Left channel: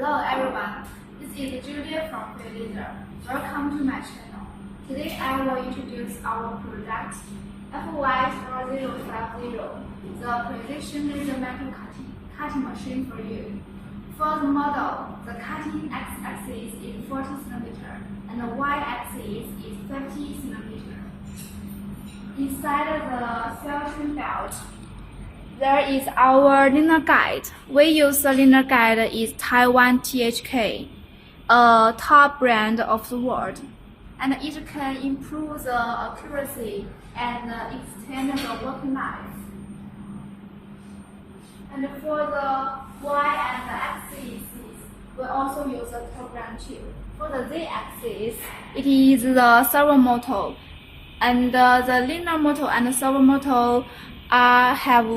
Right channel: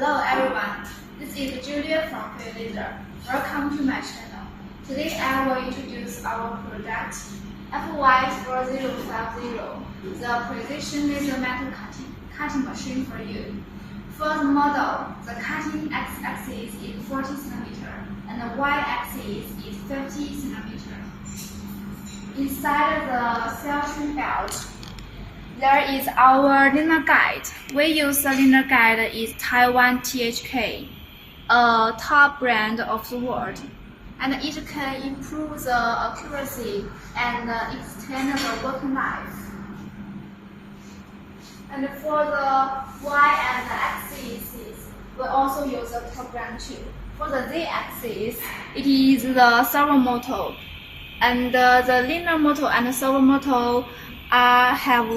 Hello everyone, this is Julia from Feiyue Laser. Welcome to my channel. Today I will introduce our product FY4050, the precision laser metal cutting machine for you. For the model, the cutting x-axis is 40 cm and the y-axis is 50 cm. Inside the cell trim belt, there is our linear guide. We use the linear guide is Taiwan THK, a top brand of the world, and it can improve the accuracy and extend the working life. And for the Y and the axis, we also use the top brand too. For the Z axis, it is the servo motor, and the linear motor and the servo motor have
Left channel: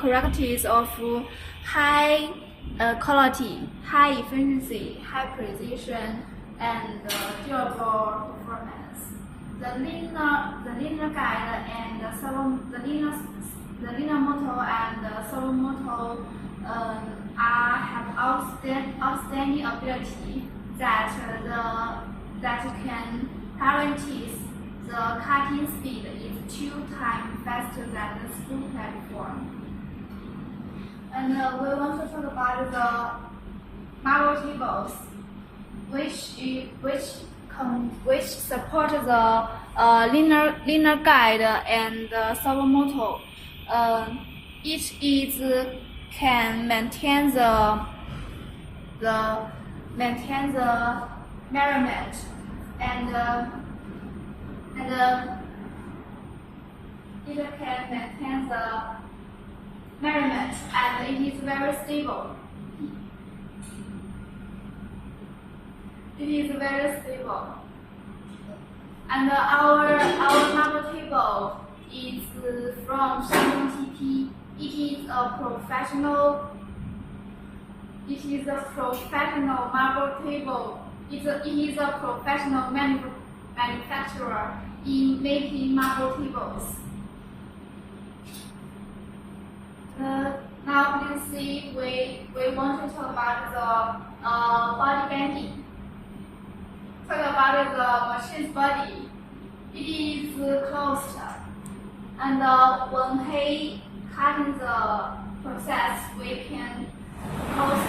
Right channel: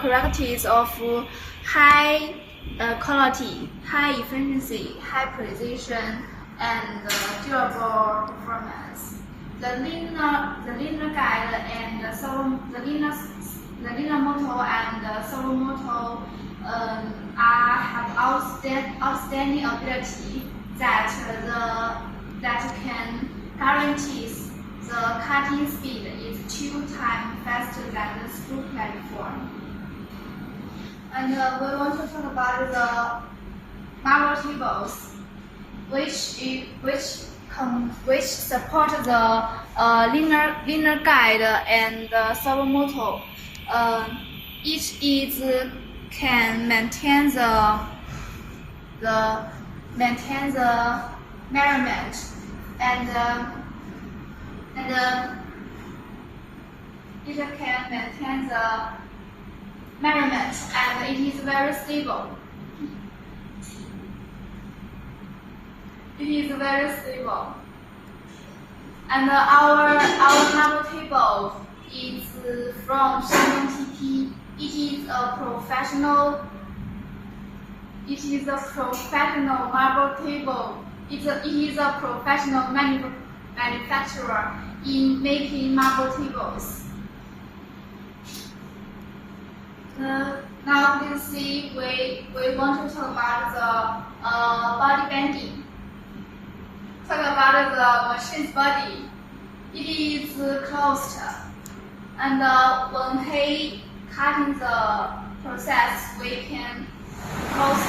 characteristics of high quality, high efficiency, high precision, and durable performance. The linear guide and the linear motor and the servo motor have outstanding ability that can guarantee the cutting speed is 2 times faster than the screw platform. And we want to talk about the marble tables, which support the linear guide and the servo motor. Each can maintain the measurement and it can maintain the measurement, and it is very stable. It is very stable. And our marble table is from Shandong TP. It is a professional marble table. It is a professional manufacturer in making marble tables. Now please see, we want to talk about the body bending. Talk about the machine's body. It is closed, and when he cutting the process, we can close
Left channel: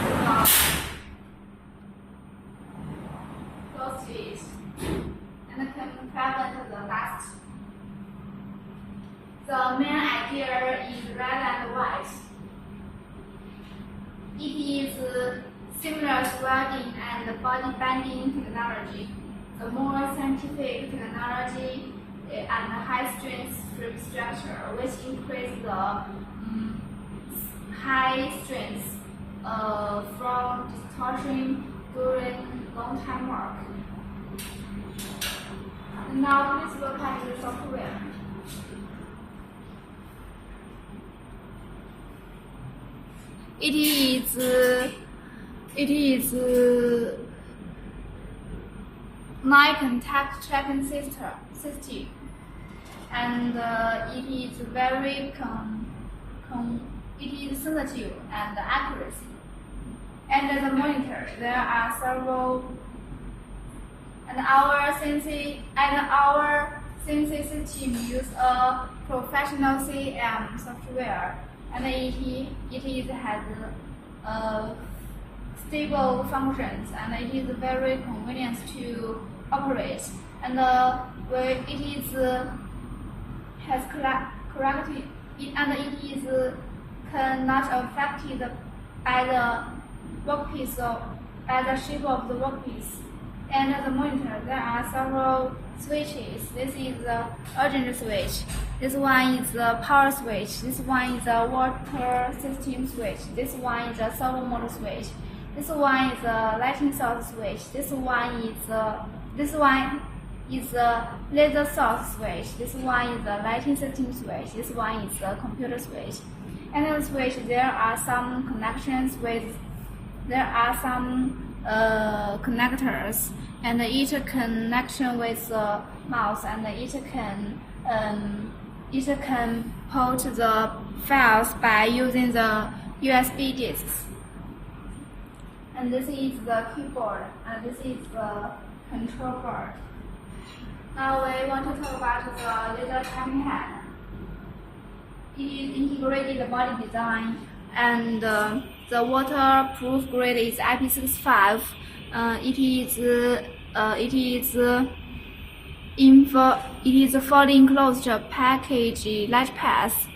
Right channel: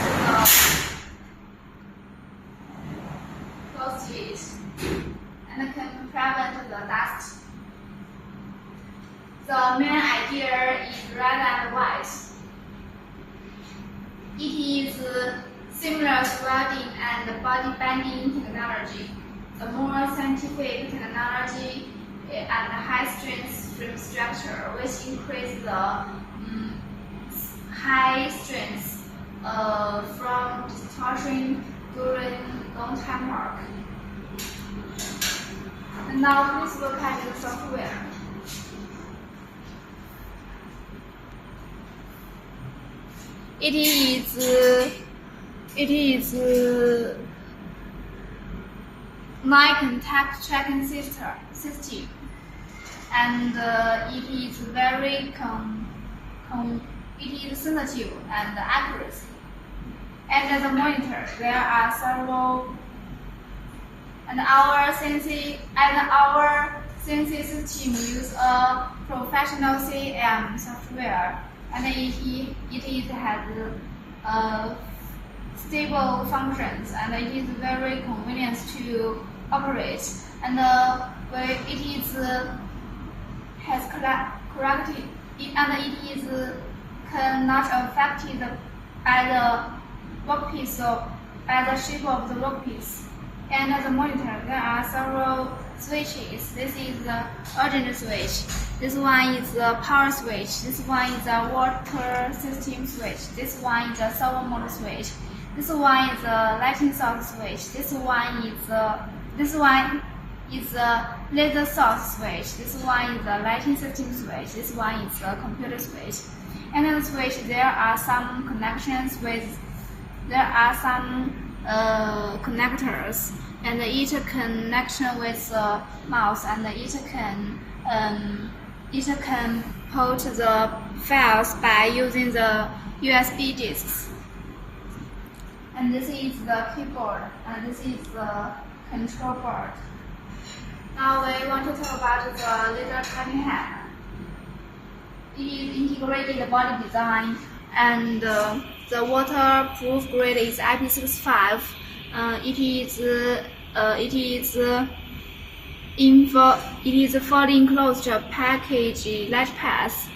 it and can prevent the dust. The main idea is red and white. It is similar to welding and body bending technology. The more scientific technology and high-strength frame structure, which increase the high strength from distortion during long-time work. And now please look at the software. It is 9 contact tracking system, and it is very sensitive and accurate. And as a monitor, there are several. And our CNC system use a professional CAM software, and it has stable functions, and it is very convenient to operate. And it has corrected, and it is cannot affected by the workpiece or by the shape of the workpiece. And as a monitor, there are several switches. This is the urgent switch. This one is the power switch. This one is the water system switch. This one is the servo motor switch. This one is the lighting source switch. This one is the laser source switch. This one is the lighting system switch. This one is the computer switch. And on the switch, there are some connections with. There are some connectors, and each connection with the mouse, and each can put the files by using the USB disks. And this is the keyboard, and this is the control board. Now we want to talk about the laser cutting head. It is integrated body design, and the waterproof grade is IP65. It is fully enclosed package latch pass,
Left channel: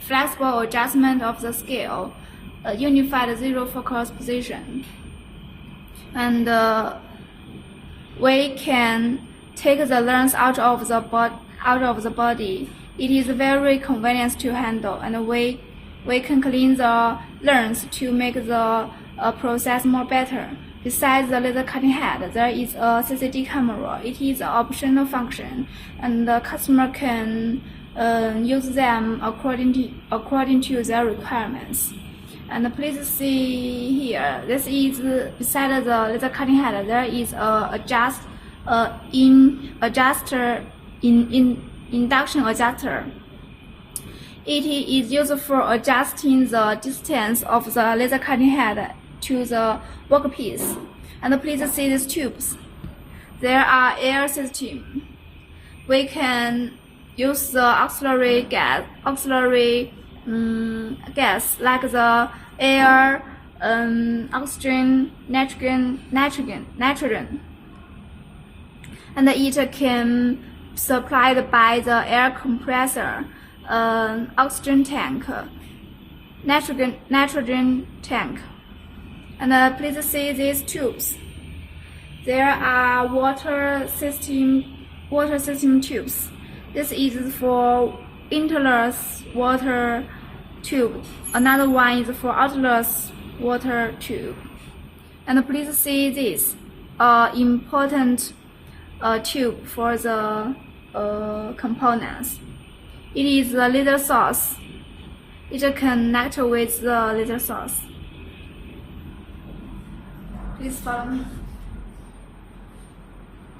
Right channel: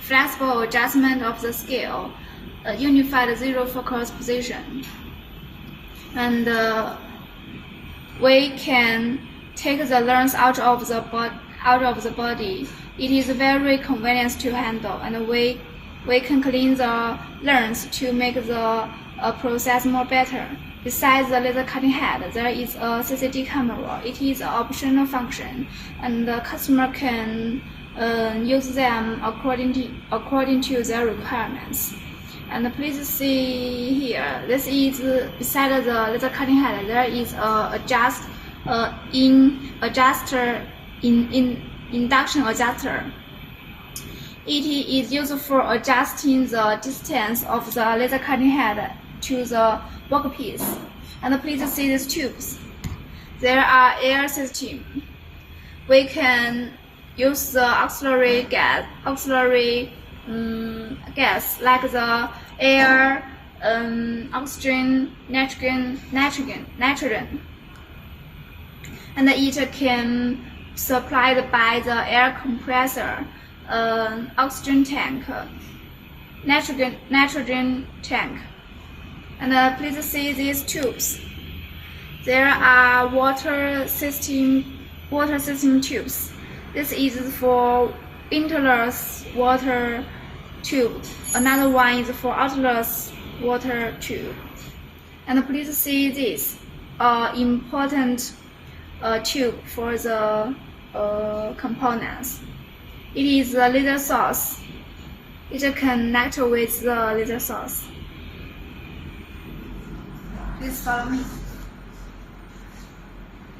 flexible adjustment of the scale, unified zero focus position, and we can take the lens out of the body. It is very convenient to handle, and we can clean the lens to make the process more better. Besides the laser cutting head, there is a Ccd camera. It is an optional function, and the customer can use them according to their requirements. And please see here, this is beside the laser cutting head. There is a induction adjuster. It is used for adjusting the distance of the laser cutting head to the workpiece. And please see these tubes. There are air system. We can use the auxiliary gas like the air, oxygen, nitrogen, and it can supplied by the air compressor, oxygen tank, nitrogen tank. And please see these tubes. There are water system tubes. This is for inless water tube. Another one is for outless water tube. And please see this important tube for the components. It is the laser source. It connects with the laser source. Please follow me.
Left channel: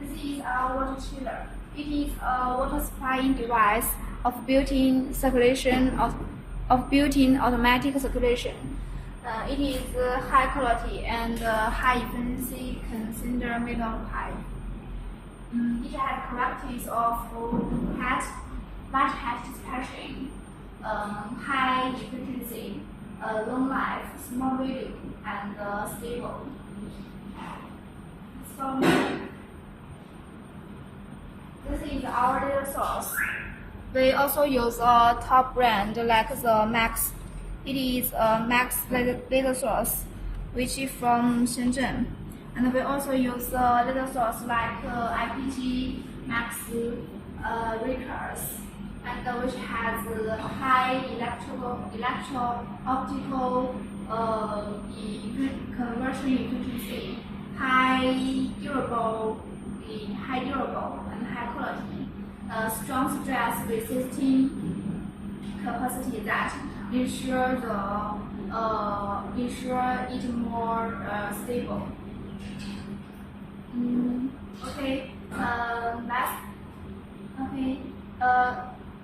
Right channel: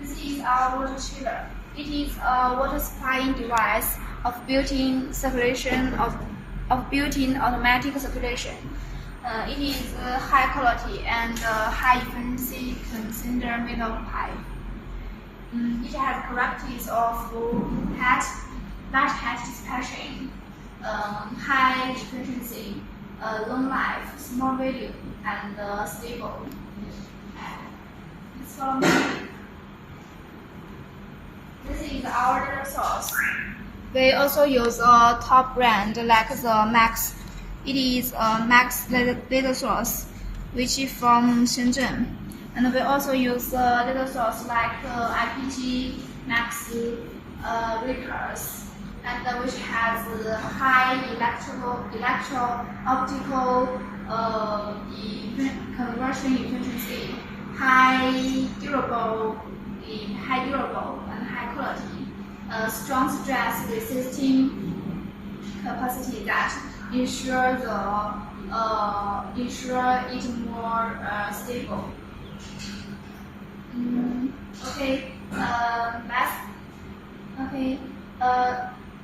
This is our water chiller. It is a water supplying device of built-in circulation of built-in automatic circulation. It is high quality and high efficiency cylinder metal pipe. It has characteristics of large head dispatching, high efficiency, long life, small volume, and stable. This is our laser source. We also use a top brand like the Max. It is a Max laser source, which is from Shenzhen. And we also use laser source like IPG, Max, Rickers, and which has high electro-optical conversion efficiency, high durable and high quality, strong stress resisting capacity that ensure it more stable.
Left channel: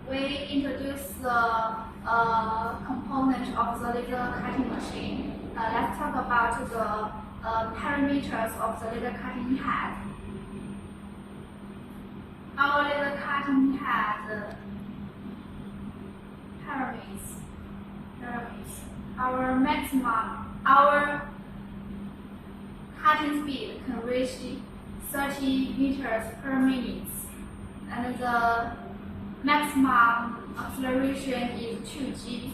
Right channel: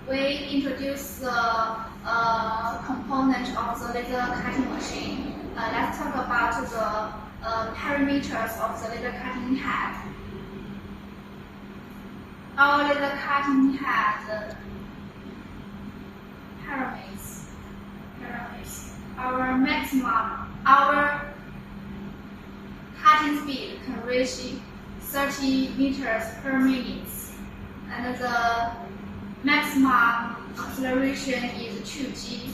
We introduce the component of the laser cutting machine. Let's talk about the parameters of the laser cutting head. Our laser cutting head parameters. Our cutting speed can reach 30 meters per minute, and the maximum acceleration is 2g.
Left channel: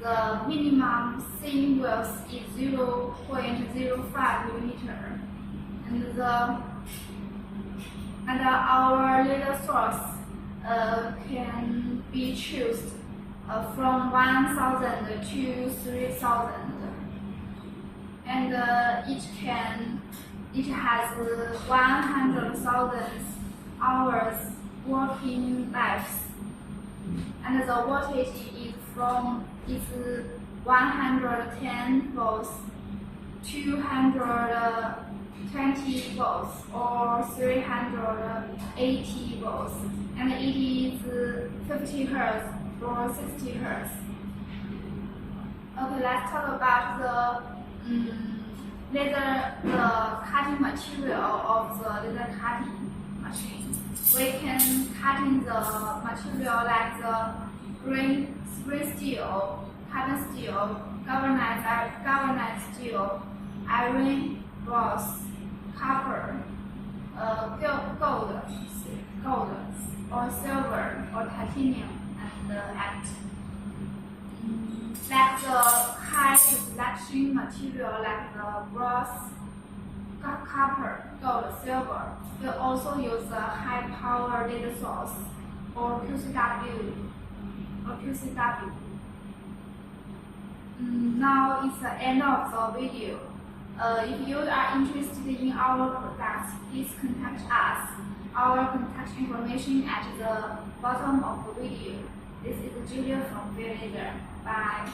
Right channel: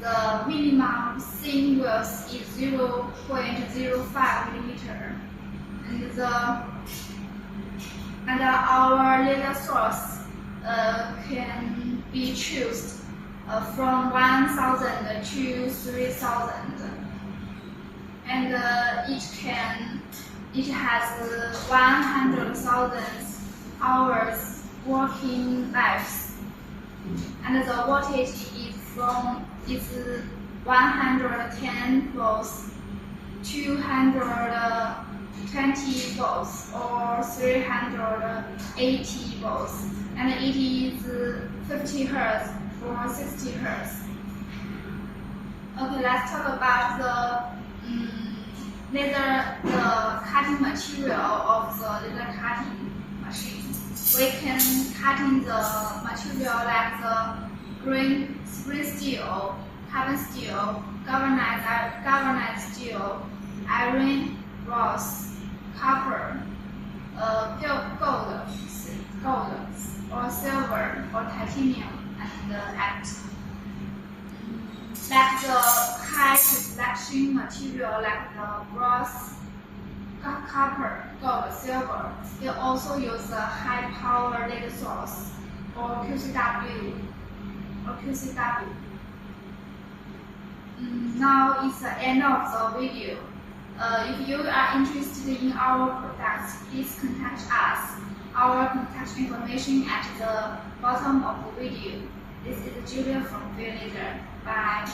The minimum seam width is 0.05 millimeter, and our laser source can be chosen from 1,000 to 3,000, and it has 100,000 hours working lives, and the voltage is 110 volts, 220 volts, or 380 volts, and it is 50 Hertz or 60 Hertz. Okay, let's talk about the the cutting material of the laser cutting machine. We can cutting the material like the spring steel, carbon steel, galvanized steel, iron, brass, copper, gold, or silver, or titanium, and act. Like the high selection material like the brass, copper, gold, silver, we also use the high power laser source or QCW. Now it's the end of the video. If you are interested in our products, please contact us. Our contact information at the bottom of the video. This is Julia from Feiyue Laser. Bye.